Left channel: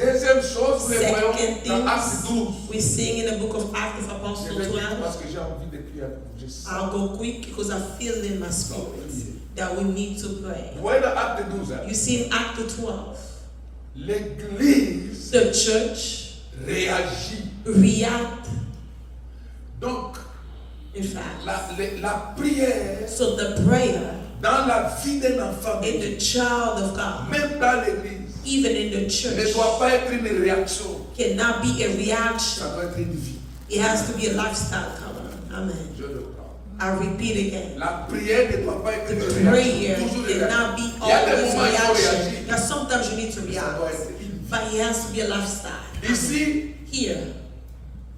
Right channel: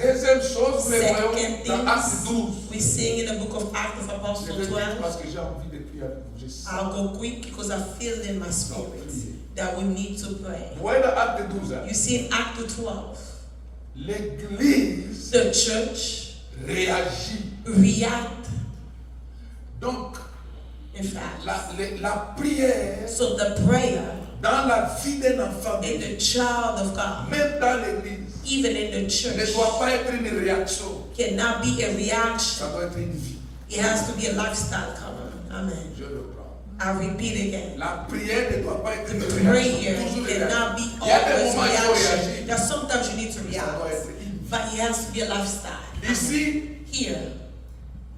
Deuxième chose, nous les voyons Second dans Actes 12. things we sing in the book of Acts of Je Apostles vais 12. dire parce que j'ai envie de prier avec vous. I'll go quick because I feel in my spirit that we need to pray. Vous voyez dans Actes 12, hein? You see in Act 12, L'église the church réagit. react. Donc, In fact, la prière so the prayer dans la vie d'un enfant, in the child of God, même dans l'église, even in the ne church, doit pas être une réaction. cannot be a Ça reaction. doit être une vie. It has to be a lifestyle. Come on. Amen. Je le prends. I repeat again. La prière ne doit pas être une Prayer réaction. Toujours une réaction. cannot be Il y a des always moments où il faut reaction. réagir. Because sometimes you need to Ça doit react. être une vie. But it has to be a lifestyle. Ici, Here.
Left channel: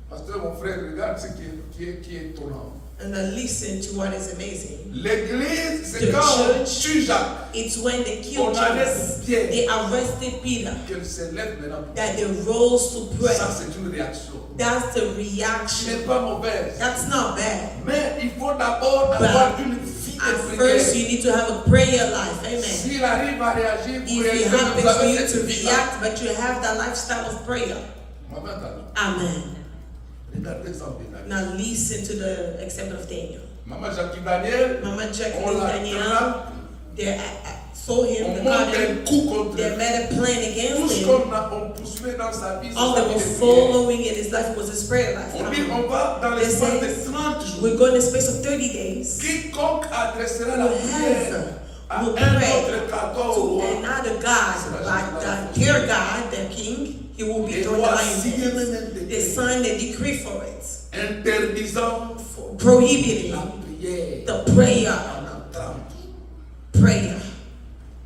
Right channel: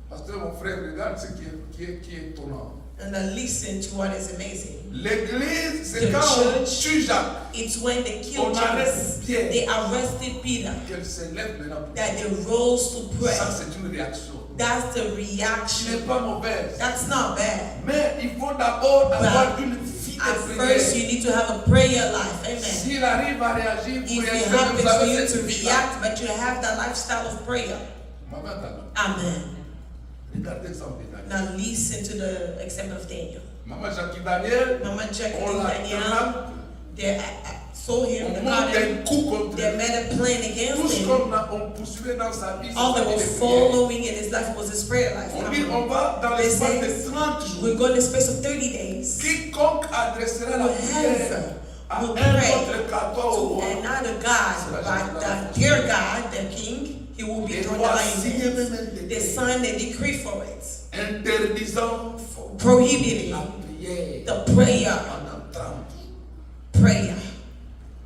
pasteur, mon frère, regarde ce qui est étonnant. And then listen to what is amazing. L'église, c'est The quand on church, tue Jacques, It's when they on killed arrête Jesus, Pierre, they arrested Peter, qu'elle se lève maintenant. that they rose to pray. Ça, c'est une réaction. That's the Ce n'est reaction. pas mauvaise. That's not bad. Mais il faut d'abord avoir une vie At de first, you prière. need to have a prayer life. Amen. S'il arrive à réagir, vous If it réagissez, vous happens for you avez to cette vie-là. react, but you have that lifestyle of prayer. Vous m'avez entendu? Amen. Regardez ça en détail. Now listen to the example of Daniel. Maman Jacques Daniel, Mama Jack on and l'a Daniel, trappé, they saw him, on they monte caught him, un coup contre they lui. made a plan Tout against ce him. qu'on poursuivait dans sa vie, c'est All sa they vie were de prière. following in his life was his prayer life. On dit, on va dans They l'espace says, de 30 jours. we go in the space of 30 days. Quiconque adressera la prière à Will un pray autre qu'à au to roi, another God, like their God, the king, he will be et thrown doit the signer lions. même un They décret signed a decree for it, interdisant prohibiting la prière the prayer. pendant 30 jours. Prayer.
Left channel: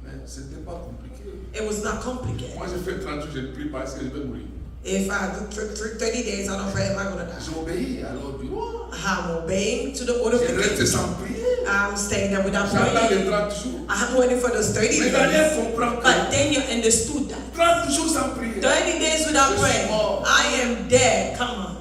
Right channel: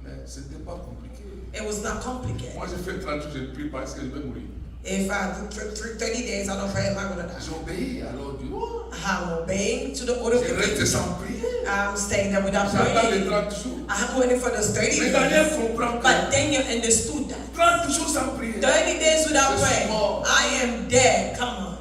Mais ce n'était pas compliqué. It was not complicated. Moi, j'ai fait 30 jours, j'ai prié parce que je vais mourir. If I do 30 days, I don't pray, am I going to die? J'obéis à l'ordre du roi. I'm obeying to the order of Je the reste king. sans prière. I'm staying there without J'attends les praying. 30 jours. I'm waiting for those 30 Mais Daniel days. comprend que But Daniel understood that. 30 jours sans prière, 30 days without Je suis praying, mort. I am dead. Come on.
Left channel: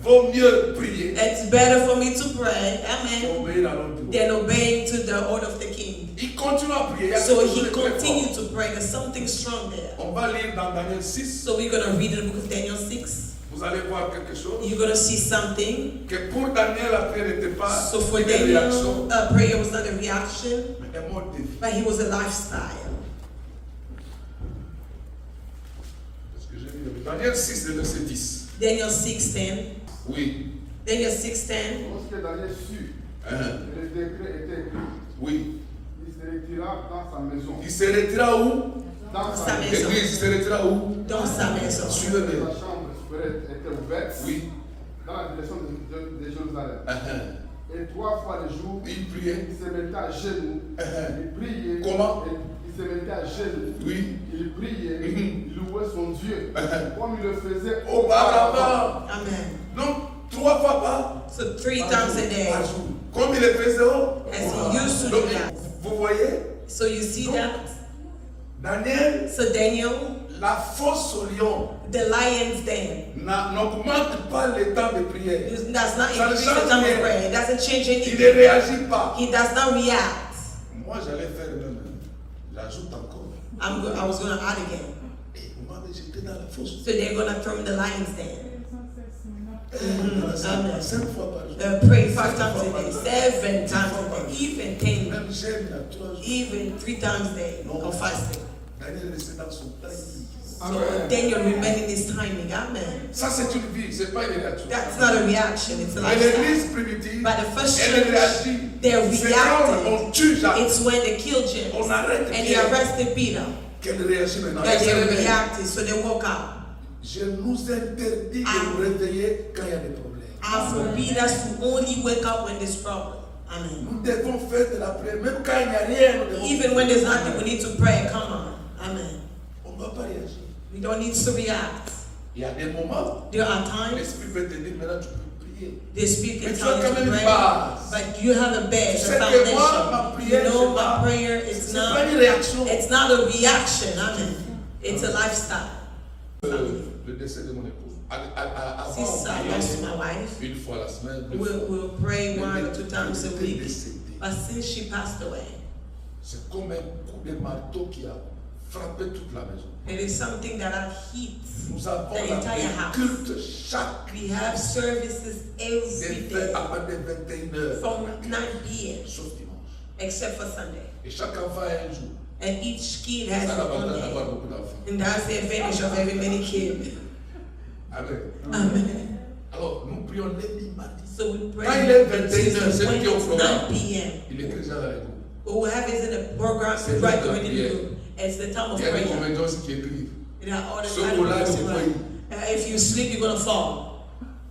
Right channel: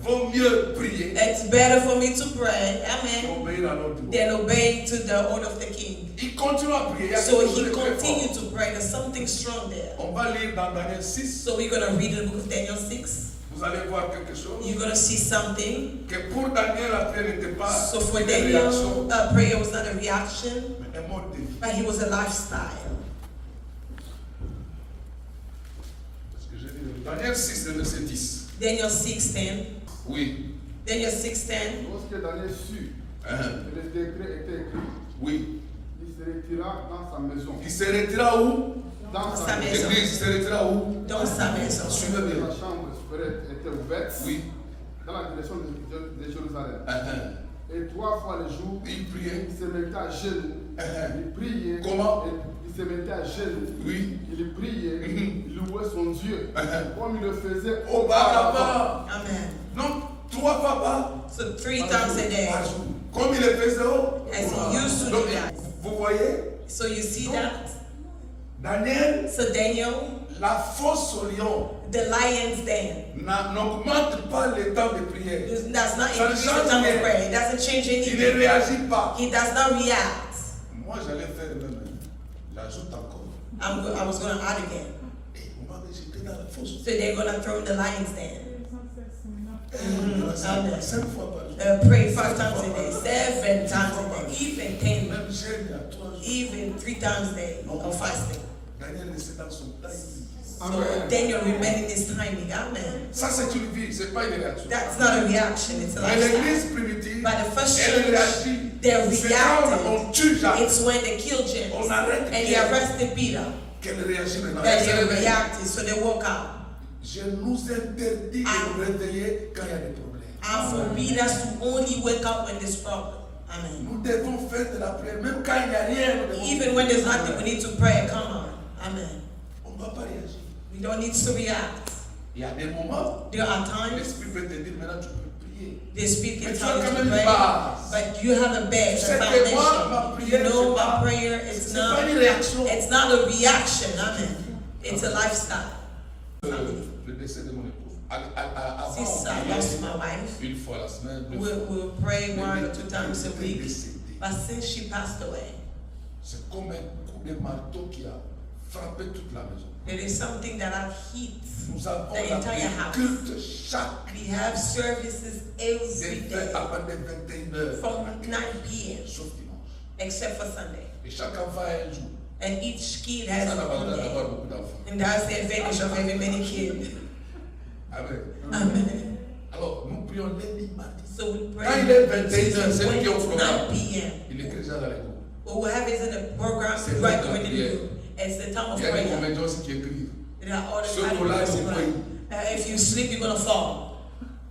vaut mieux prier It's better for me to pray, amen, qu'obéir à l'ordre du roi. than obeying to the order of the king. Il continue à prier. Il y a So quelque chose he de très continued fort. to pray. There's something strong there. On va lire dans Daniel 6. So we're going to read the book of Daniel 6. Vous allez voir quelque chose. You're going to see something. Que pour Daniel, la prière n'était pas So for une Daniel, réaction, prayer was not a reaction, mais un mode de vie. but he was a lifestyle. Parce que j'ai vu Daniel 6, le verset 10. Daniel 6:10. Oui. Daniel 6:10. Lorsque Daniel sut Hein. que le décret était écrit, Oui. il se retira dans sa maison. Il se retira où? Dans Sa sa maison. maison. L'église, il se retira où? Dans sa maison. Suivez-le. La chambre était ouverte Oui. dans la direction de Jérusalem. Hein. Et 3 fois le jour, Il priait. il se mettait à genoux. Il priait. Comment? Et il se mettait à genoux. Oui. Il priait. Mhm. Il louait son Dieu. Comme il le faisait Auparavant. Amen. Donc, 3 fois par So 3 times a day, jour. Comme il le faisait au. as he used to Donc, do that. vous voyez, So you see that? Daniel, So Daniel, la fosse au lion the lion's den, n'augmente pas le temps de prière. does not Ça ne increase change the time rien. of prayer. It doesn't change Il ne anything. réagit pas. He does not react. Moi, j'allais faire même. J'ajoute encore. I was going to add again. Et vous m'avez jeté dans la fosse. So they're going to throw in the lion's den. Amen. 5 fois par jour. Pray 5 times a day, 7 times a day, even 10, Même jeûne à 3 jours. even 3 times a day of fasting. Daniel restait dans son timing. So Daniel remained in his timing. Amen. Ça, c'est une vie, c'est pas une réaction. That's not a reaction, it's a Mais lifestyle. l'église primitive, But the first elle church, réagit. they C'est quand reacted. on tue Jacques, It's when they killed James on arrête and he Pierre, arrested Peter qu'elle réagit maintenant. that Elle se they réveille. reacted, so they woke up. Je nous interdis de nous réveiller quand il y a des problèmes. And forbid us to only wake up when there's trouble. Amen. Nous devons faire de la prière, même quand il n'y a rien. Nous devons Even when there's nothing, we need to pray. Come on. Amen. On ne va pas réagir. We don't need to react. Il y a des moments, There are times l'Esprit peut te dire maintenant tu peux prier. the Spirit Mais can tu as tell you quand to même une pray, base. but you have a base, C'est a que moi, ma foundation. prière, You know c'est pas- my prayer is C'est pas not. une réaction. It's not a reaction. Amen. It's a lifestyle. Le décès de mon épouse. Avant, Since on I priait lost my wife, une fois la semaine. deux we'll, fois. we'll pray Mais 1 or maintenant, 2 times a elle week. est décédée. But since she passed away, C'est comme un coup de marteau qui a frappé toute la maison. It is something that have heat. Nous avons The entire la house. culte chaque We have services every day à partir de 21h, from 9 p.m. sauf dimanche. except for Sunday. Et chaque enfant a un jour. And each kid has Ça their own l'avantage d'avoir day. beaucoup d'enfants. And that's the advantage of having many kids. Amen. Amen. Alors, nous prions lundi, mardi. So we pray Quand il est on 21h, Tuesday, c'est when qui au it's programme. 9 p.m. Il écrit ça dans les groupes. What we have is in a program C'est to write la within the prière. group. It's the time of Il y a des prayer. comédiens aussi qui écrivent. There are all the Ce time mot-là, of c'est prayer. quoi? If you sleep, you're gonna fall.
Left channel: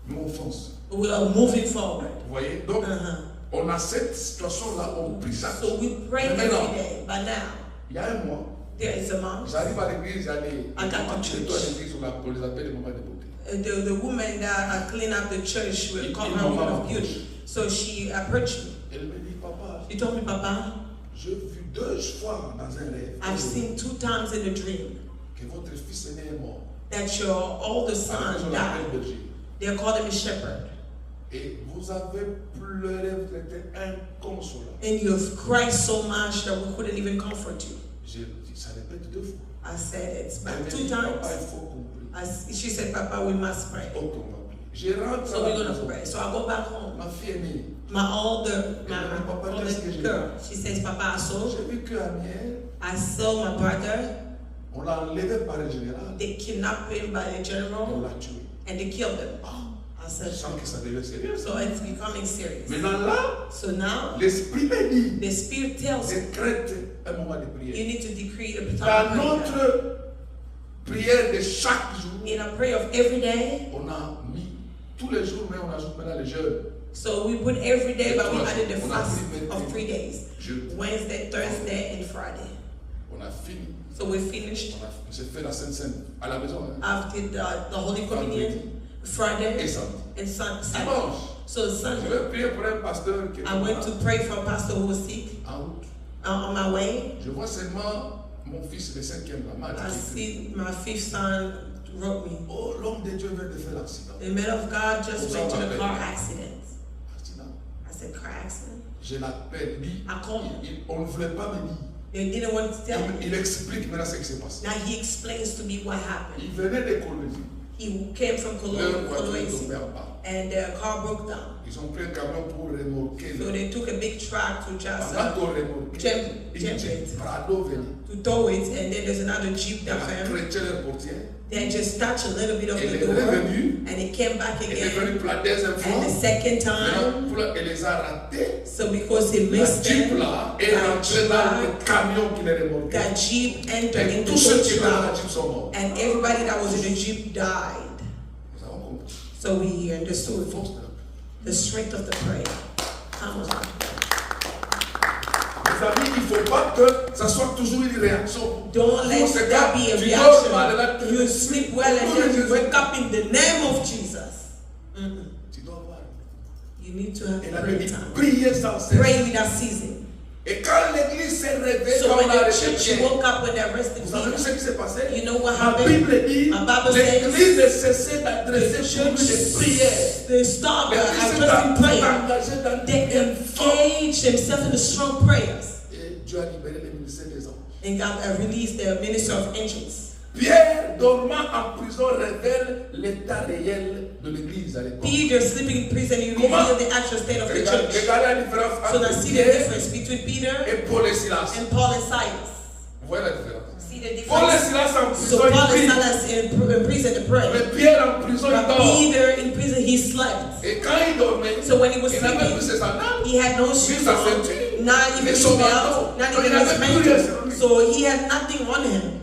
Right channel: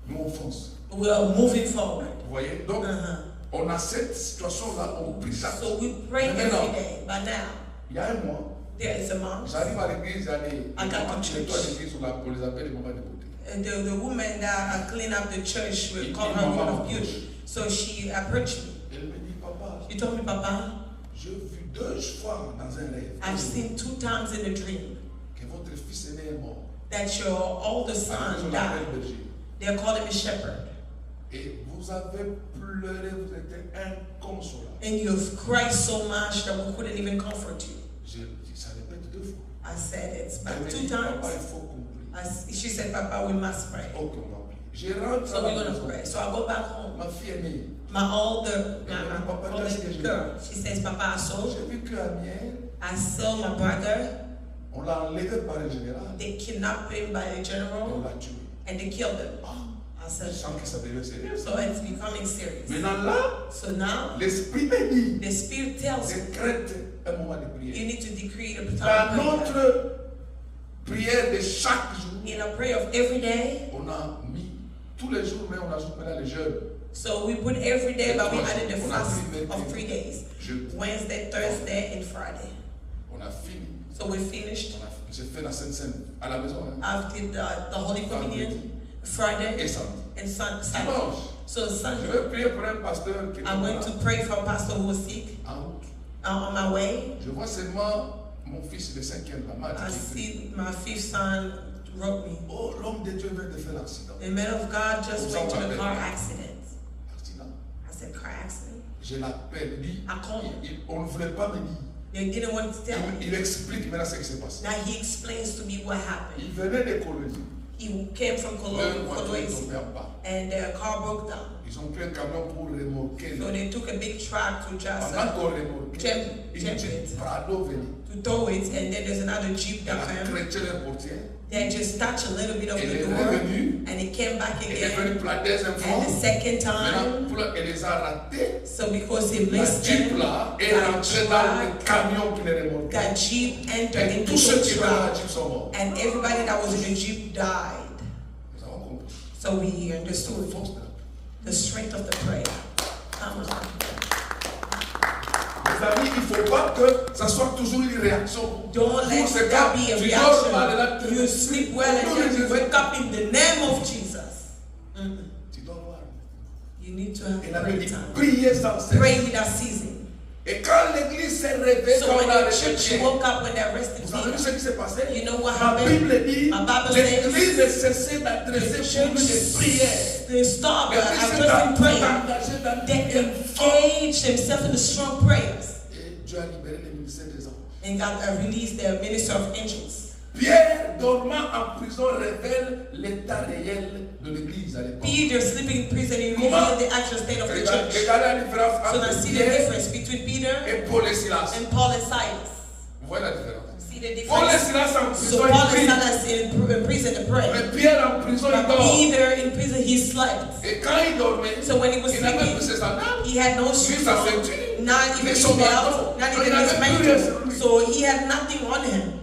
Nous, on fonce. We are moving forward. Vous voyez? Donc, Uh-huh. on a cette situation-là, on prie chaque So jour. we pray Mais every maintenant, day. But now, il y a un mois, there is a mom. j'arrive à l'église, il y a les I got mamans to qui nettoient church. l'église, on les appelle les mamans de beauté. The woman that clean up the church will call her woman of beauty. So she approached me. Elle me dit, papa, She told me, Papa, j'ai vu 2 fois dans un rêve I've seen 2 times in a dream que votre fils aîné est mort. that your older À la maison son de la belle died. Belgique. They called him a shepherd. Et vous avez pleuré, vous étiez inconsolable. And you've cried so much that we couldn't even comfort you. J'ai dit, ça répète 2 fois. I said, it's Elle back me 2 dit, papa, times. il faut qu'on prie. She said, Papa, we must pray. Ok, on va prier. Je rentre So à la we're going to maison. pray. So I go back home. Ma fille aînée, My older Papa, girl, she says, Papa, I saw, j'ai vu qu'Amiel, I saw my brother. on l'a enlevé par le général They kidnapped him by the et on general l'a tué. and they killed him. I Je said, sens que ça devient sérieux. so it's becoming serious. Maintenant là, So now, l'esprit me dit, the Spirit tells you, décrète un moment de you prière. need to decree the Dans time of prayer. notre prière de chaque jour, In a prayer of every day, on a mis tous les jours, mais on ajoute maintenant les jeûnes. so we put every day, but we On a- added the on a fast pris of 3 days. Jeûne. Wednesday, Thursday, and Friday. On a fini. So we finished J'ai fait la Sainte Seine à la maison. Hein. after the Holy Communion, Friday, Et samedi. and Saturday. Dimanche, So je Sunday, vais prier pour un pasteur qui est I went to pray for a pastor who was sick en route. on my way. Je vois seulement mon fils le 5e, la I match. see my 5th son wrote me. Oh, l'homme de Dieu vient de faire l'accident. The man of God just went to a car accident. Accident. I said, car accident? Je l'appelle, lui, I called him. on ne voulait pas me dire. They didn't want to tell me. Il explique maintenant ce qui s'est passé. Now he explains to me what happened. Il venait de Colombie. He came from Leur voiture est Cologne tombée en bas. and the car broke down. Ils ont pris un camion pour remorquer. So they took a big truck to just Pendant qu'on remorquait, jump une it. Jeep Prado venait. to tow it, and then there's another jeep Elle that a came. crêché leur portière. They just touched a little bit of Elle the est door, revenue. and it came back Elle est again. venue pour la deuxième fois. And the second Maintenant, time, elle les a ratés. so because he La missed Jeep them, là est that rentrée dans le truck, camion qui les remorquait. that jeep entered Et into tous ceux the qui étaient dans la truck, Jeep sont morts. and everybody that was in the jeep died. Nous avons compris. So we C'est une understood force de la paix. the strength of the prayer. Come on. Mes amis, il ne faut pas que ça soit toujours une réaction. Don't let Conséquent, that be a tu dors mal, là, reaction. You sleep well and then you wake up in the name of Jesus. Tu dois voir. You need to have Et la prayer Bible dit, time. priez sans cesse. Pray without ceasing. Et quand l'église s'est réveillée, So quand when on a the church répété, woke up when they arrested vous avez vu ce Peter, qui s'est passé? you know what Ma happened? Bible dit, My Bible says, l'église ne cessait d'adresser the pour lui des prières. they stopped L'église s'est addressing prayer. engagée dans They des prières fortes. engaged themselves in the strong prayers Et Dieu a libéré le ministère des anges. and God released the minister of angels. Pierre, dormant en prison, révèle l'état réel de l'église à l'époque. Peter sleeping in prison, he Comment? revealed the actual state of the church. Regardez la différence So now entre see the Pierre difference between Peter et Paul et Silas. and Paul and Silas. Vous voyez la différence? See the Paul et difference? Silas en So prison, Paul ils and prient. Silas in prison to pray. Mais Pierre en prison, il But dort. Peter in prison, he slept. Et quand il dormait, So when he was il n'avait plus sleeping, ses sandales. he had no shoes sa on, ceinture, not ni even his son belt, manteau. not Donc, even il his n'avait plus rien sur mantle. lui. So he had nothing on him.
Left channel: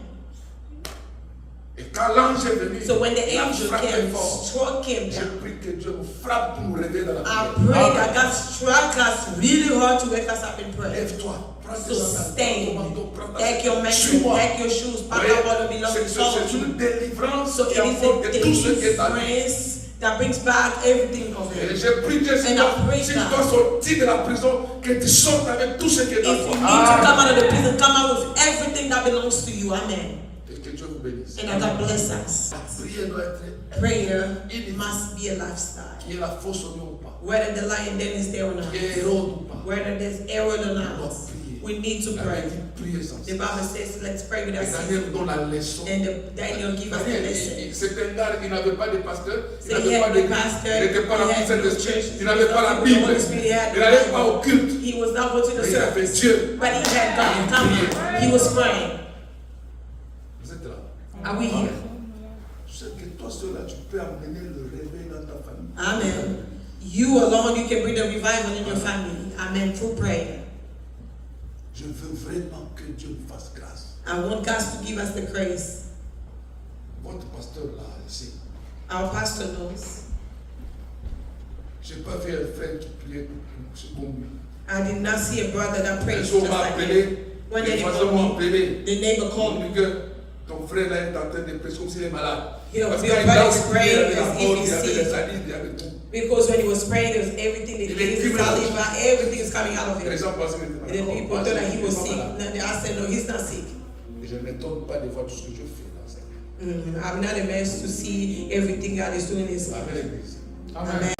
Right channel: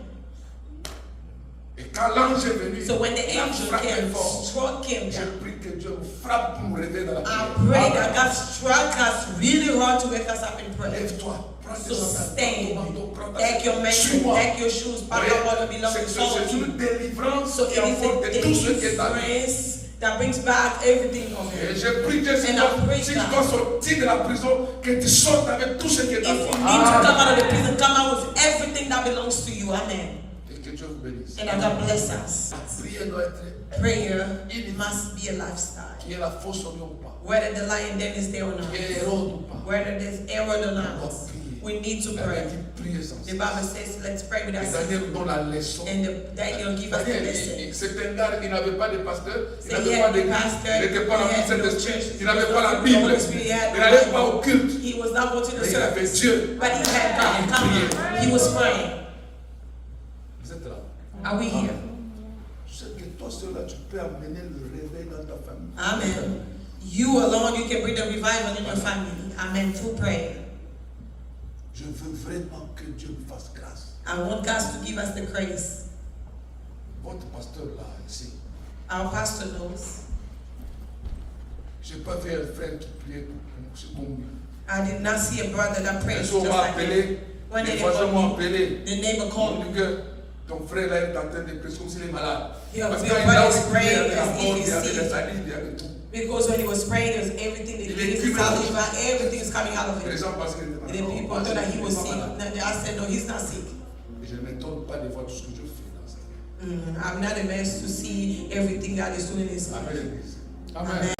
Et quand l'ange est venu, So when the il a angel frappé came, fort. struck him Je down. prie que Dieu nous frappe pour nous réveiller dans la I prière. pray that God struck us really hard to wake us up in prayer. Lève-toi, prends tes So sandales, stand, prends ton manteau, prends ta take your ceinture. mantle, Suis-moi. take your shoes, pack Voyez, up what belongs c'est to follow c'est you. une délivrance So qui it apporte is a tout ce qui est à lui. deliverance that brings back everything of Et him. je prie que si And I pray tu that dois sortir de la prison, que tu sortes avec tout ce qui est If à you toi. need to come out of the prison, come out with everything that belongs to you. Amen. Et que Dieu vous bénisse. And that God bless us. La prière doit être Prayer must be a lifestyle. qui est la fausse oignon ou pas, Whether the lion den is there or not, qui est Hérode ou pas. whether there's error or On doit not, prier. we need to Il pray. avait dit prier sans The cesse. Bible says, let's pray without Et ceasing. Daniel nous donne la leçon. And Daniel give us the Daniel, lesson. c'est un gars qui n'avait pas de pasteur, il So n'avait he pas had d'église, no pastor, il n'était pas he rempli had de no Saint-Esprit, church, il n'avait pas la he Bible, had no il n'allait pas au culte, He was not going to the mais il avait service, Dieu. but he had God. Il Come priait. on. He was praying. Vous êtes là. Are we here? Je sais que toi seul là, tu peux amener le réveil dans ta famille. Amen. You alone, you can bring the revival in your family. Amen. Through prayer. Je veux vraiment que Dieu me fasse grâce. I want God to give us the grace. Votre pasteur là, ici, Our pastor knows. je n'ai pas vu un frère qui priait comme lui. I did not see a brother that Les prayed gens just m'ont like appelé, him. When les they voisins m'ont called me, appelé. the neighbor On called dit me. que ton frère là est en train de prier comme s'il est malade. Your Parce que brother là où is il priait, il y avait la praying mort, as il y if avait he's les sick. salives, il y avait tout. Because when he was praying, there was everything, the Il things, écrivait la saliva, everything is coming out of Les him. gens pensaient qu'il était And malade. the Non, people moi, thought that he il was n'est pas sick. malade. No, I said, no, he's not sick. Et je ne m'étonne pas de voir tout ce que je fais dans sa vie. I'm not amazed to see everything God is doing in his life. Amen, l'église. Amen.